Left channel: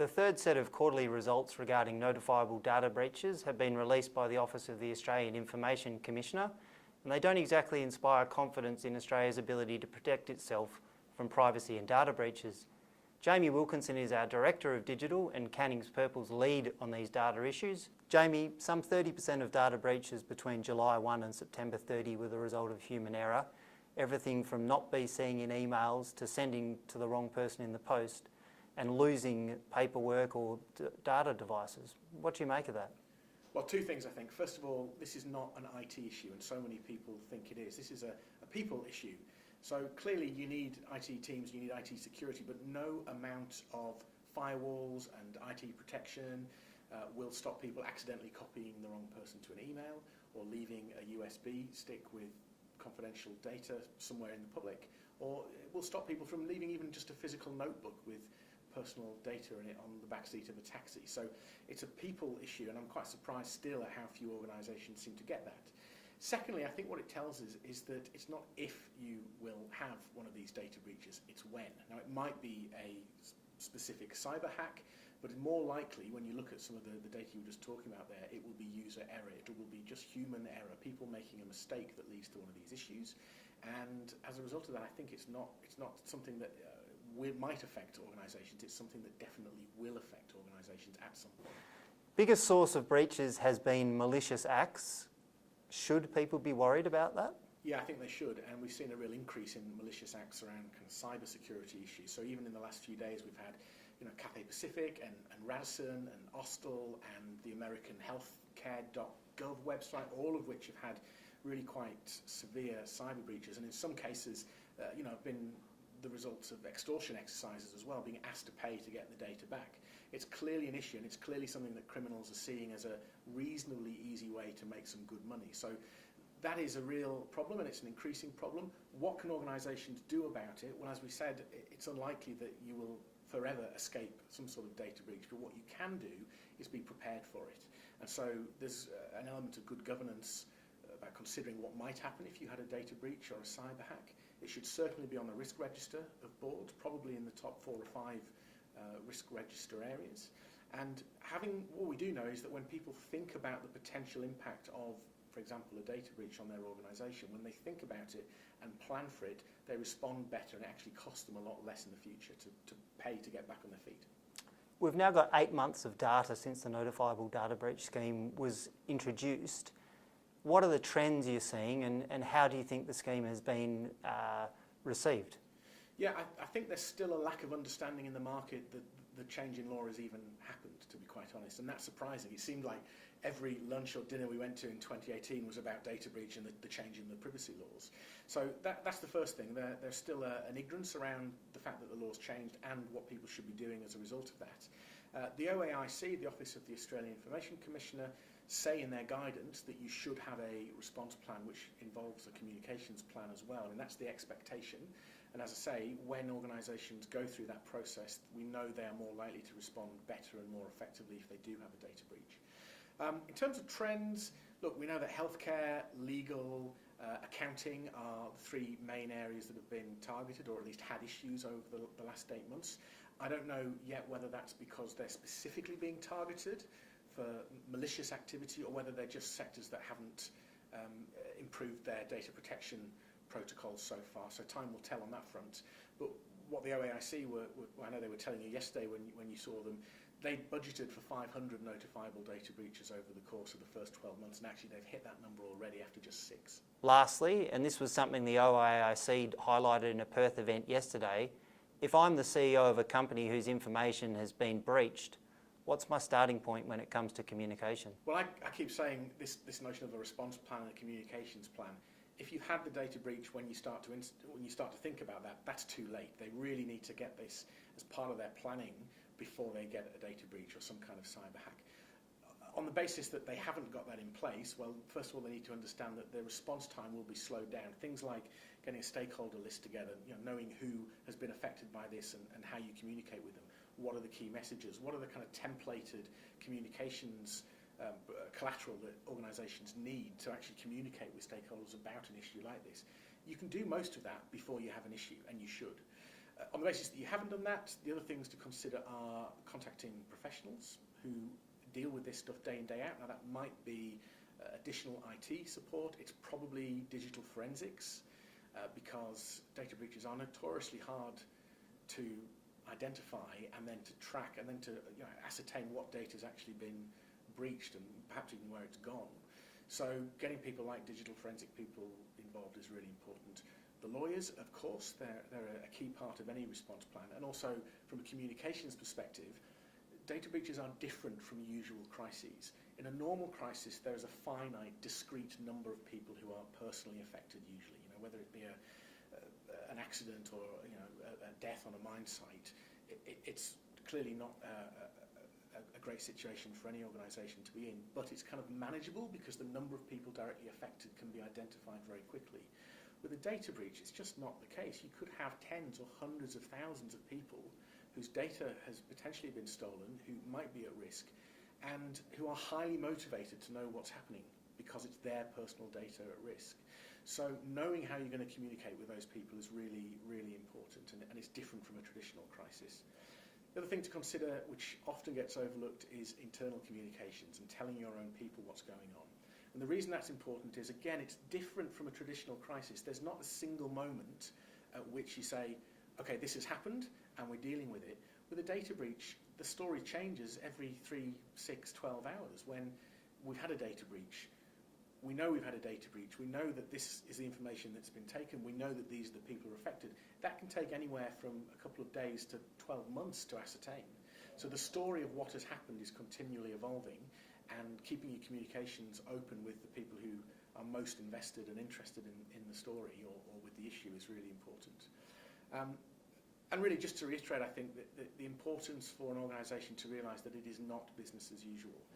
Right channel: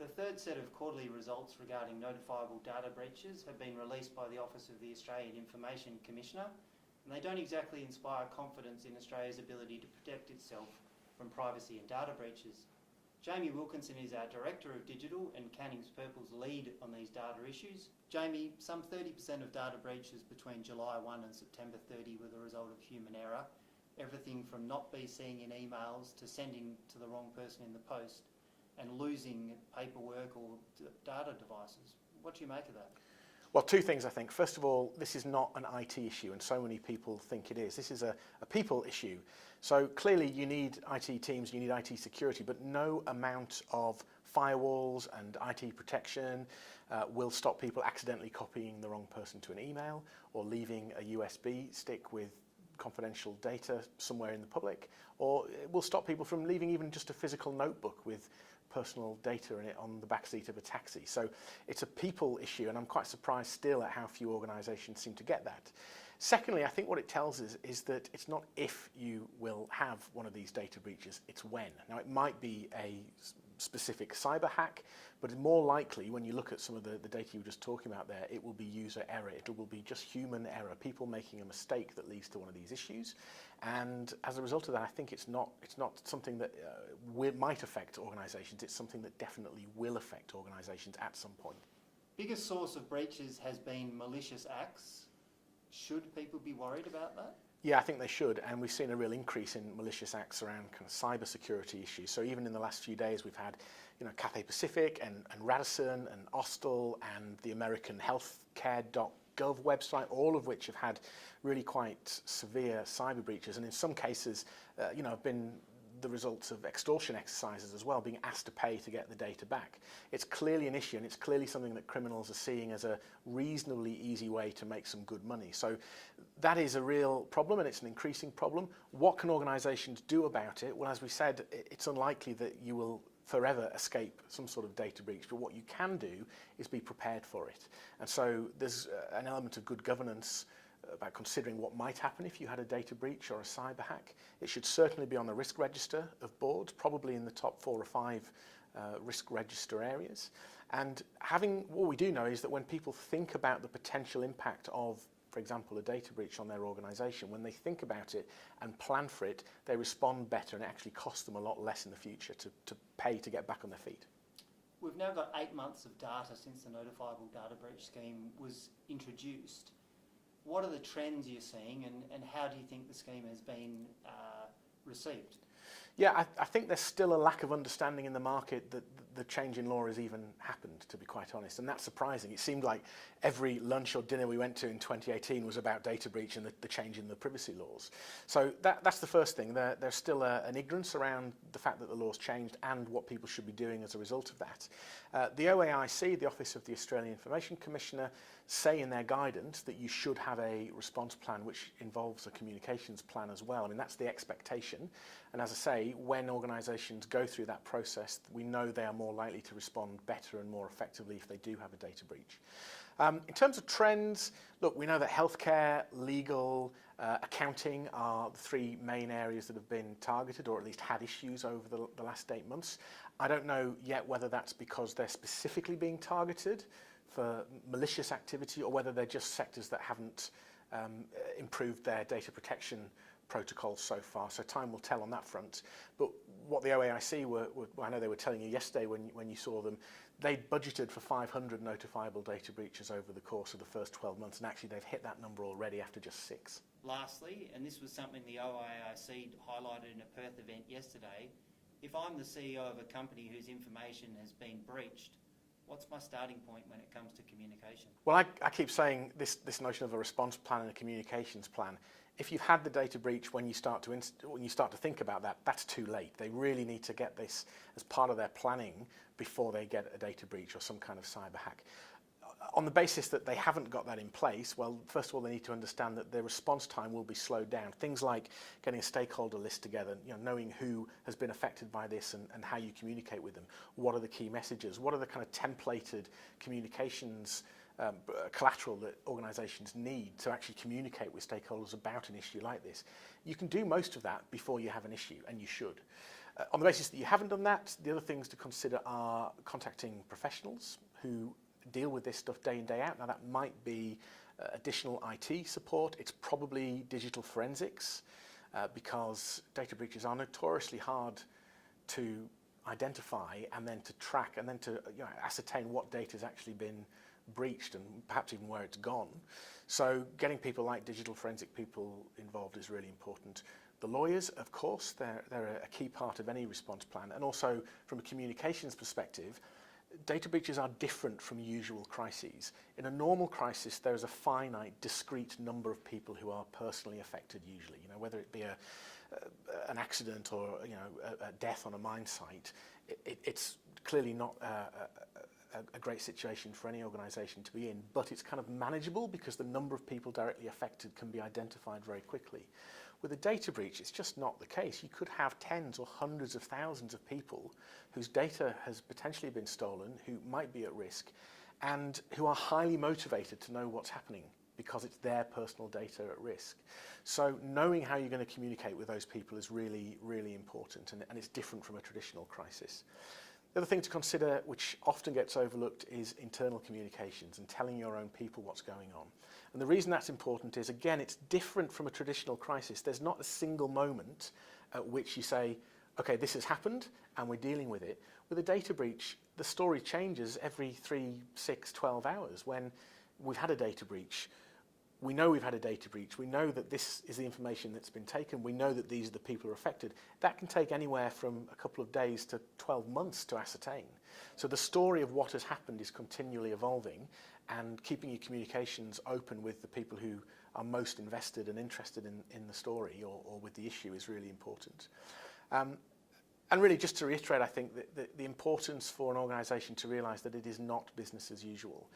The third set of quarterly results regarding notifiable data breaches have been released by the Office of the Australian Information Commissioner, and they don't exactly inspire confidence in Australia's ability to protect itself from privacy and data breaches. Jamie Wilkinson is our Director of Digital and Canning's Purple's lead on these data issues. Jamie, some 30% of data breaches between July 1 and September 30 were the result of human error. Everything from not be seeing in emails to sending to the wrong person in the post and losing paperwork or data devices. What do you make of that? Well, two things, I think. First of all, this is not an IT issue, and so many people think it is. This is a people issue. So clearly you need IT teams, you need IT security, but no amount of firewalls and IT protection will stop people accidentally copying the wrong person to an email or leaving a USB stick with confidential data somewhere in the public, or it will stop people from leaving even just a physical notebook with personal data in it on the backseat of a taxi. So it's a people issue, and I'm quite surprised still at how few organisations seem to get that. Secondly, I think what it tells us is that it's not if you will have one of these data breaches, it's when. Now, it might be a specific cyber hack, but more likely, when you look at some of the data you were just talking about there, it will be user error. It will be just human error, people making a mistake that leads to one of these issues. And as a result of that, I think it's not something that might affect organisations. It's something that definitely will affect organisations at some point. Biggest source of breaches has been malicious acts. Should people be worried about that? Yeah, I think they should, and we've seen a real increase in malicious acts around kind of cyber security issues. So even in the last few days, we've had, Cathay Pacific and Radisson and Austal and the American healthcare.gov website, all of which have had really quite severe cyber breaches, and in some cases, have been the results of extortion exercises as well, being asked to pay to get the data back. It's clearly an issue, and it's clearly something that criminals are seeing as a reasonably easy way to make some good money. So that is a real problem, and it's an increasing problem. What can organisations do about it? Well, as we said, it's unlikely that you will forever escape some sort of data breach, but what you can do is be prepared for it. And so there's an element of good governance about considering what might happen if you had a data breach or a cyber hack. It should certainly be on the risk register of boards, probably in the top 4 or 5 risk register areas. And what we do know is that when people think about the potential impact of, for example, a data breach on their organisation, when they think about it and plan for it, they respond better, and it actually costs them a lot less in the future to pay to get back on their feet. We've now got 8 months of data since the Notifiable Data Breach scheme was introduced. What are the trends you're seeing, and how do you think the scheme has been received? Yeah, I think there's still a lack of understanding in the market that the change in law has even happened, to be quite honest, and that's surprising. It seemed like every lunch or dinner we went to in 2018 was about data breach and the change in the privacy laws. So that's the first thing. There's still an ignorance around the fact that the law's changed and what people should be doing as a result of that. The OAIC, the Office of the Australian Information Commissioner, say in their guidance that you should have a response plan which involves a communications plan as well. I mean, that's the expectation. And as I say, when organisations go through that process, we know they are more likely to respond better and more effectively if they do have a data breach. In terms of trends, look, we know that healthcare, legal, accounting are the 3 main areas that have been targeted, or at least had issues over the last 8 months. I don't know yet whether that's because they're specifically being targeted for malicious activity, or whether they're just sectors that haven't improved their data protection protocols so far. So time will tell on that front. But what the OAIC I know they were telling you yesterday when you saw them, they budgeted for 500 notifiable data breaches over the course of the first 12 months, and actually they've hit that number already after just 6. Lastly, and this was something the OAIC highlighted in a Perth event yesterday, if I'm the CEO of a company whose information has been breached, what's my starting point when it comes to communication? Well, I keep saying this notion of a response plan and a communications plan. If you've had the data breach when you start to think about that, that's too late. They really need to get this as part of their planning before they get a data breach or some kind of cyber hack. On the basis that they haven't got that in place, well, first of all, they need to understand that their response time will be slowed down. Things like getting a stakeholder list together, knowing who has been affected by this and how you communicate with them. What are the key messages? What are the kind of templated communications collateral that organisations need to actually communicate with stakeholders about an issue like this? You can do most of that before you have an issue, and you should. On the basis that you haven't done that, the other things to consider are contacting professionals who deal with this stuff day in, day out. Now that might be additional IT support. It's probably digital forensics because data breaches are notoriously hard to identify and then to track and then to ascertain what data has actually been breached and perhaps even where it's gone. So getting people like digital forensic people involved is really important. The lawyers, of course, they're a key part of any response plan, and also from a communications perspective, data breaches are different from usual crises. In a normal crisis, there is a finite, discrete number of people who are personally affected usually, whether it be an accident or a death on a mine site. It's clearly not a great situation for any organisation to be in, but it's kind of manageable because the number of people directly affected can be identified very quickly. With a data breach, it's just not the case. You could have tens or hundreds of thousands of people whose data has potentially been stolen, who might be at risk, and who are highly motivated to know what's happening because it's their personal data at risk. So knowing how you're going to communicate with those people is really, really important, and it's different from a traditional crisis. The other thing to consider, which often gets overlooked, is internal communications and telling your own people what's going on. And the reason that's important is, again, it's different from a traditional crisis. There's not a single moment at which you say, okay, this has happened and we're dealing with it. With a data breach, the story changes every 3, 6, 12 hours. When we've had a data breach, we know we've had a data breach. We know that this is the information that's been taken. We know that these are the people who are affected. That can take anywhere from a couple of days to 12 months to ascertain. So the story of what has happened is continually evolving, and keeping your communications open with the people who are most invested and interested in the story or with the issue is really important. And really, just to reiterate, I think that the importance for an organisation to realise that it is not business as usual.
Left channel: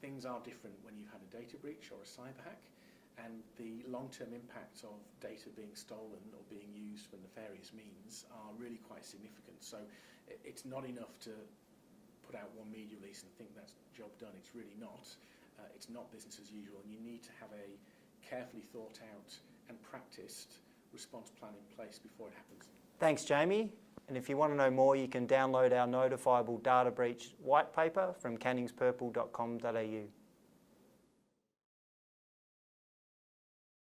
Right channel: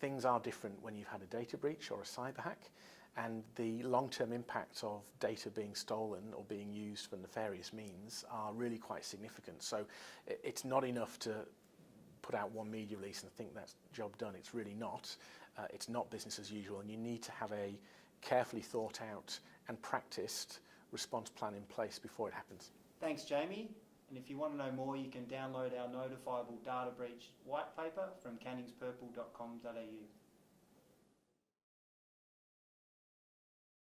Things are different when you've had a data breach or a cyber hack, and the long-term impacts of data being stolen or being used for nefarious means are really quite significant. So it's not enough to put out one media release and think that's job done. It's really not. It's not business as usual, and you need to have a carefully thought out and practiced response plan in place before it happens. Thanks, Jamie. And if you want to know more, you can download our Notifiable Data Breach white paper from canningspurple.com.au.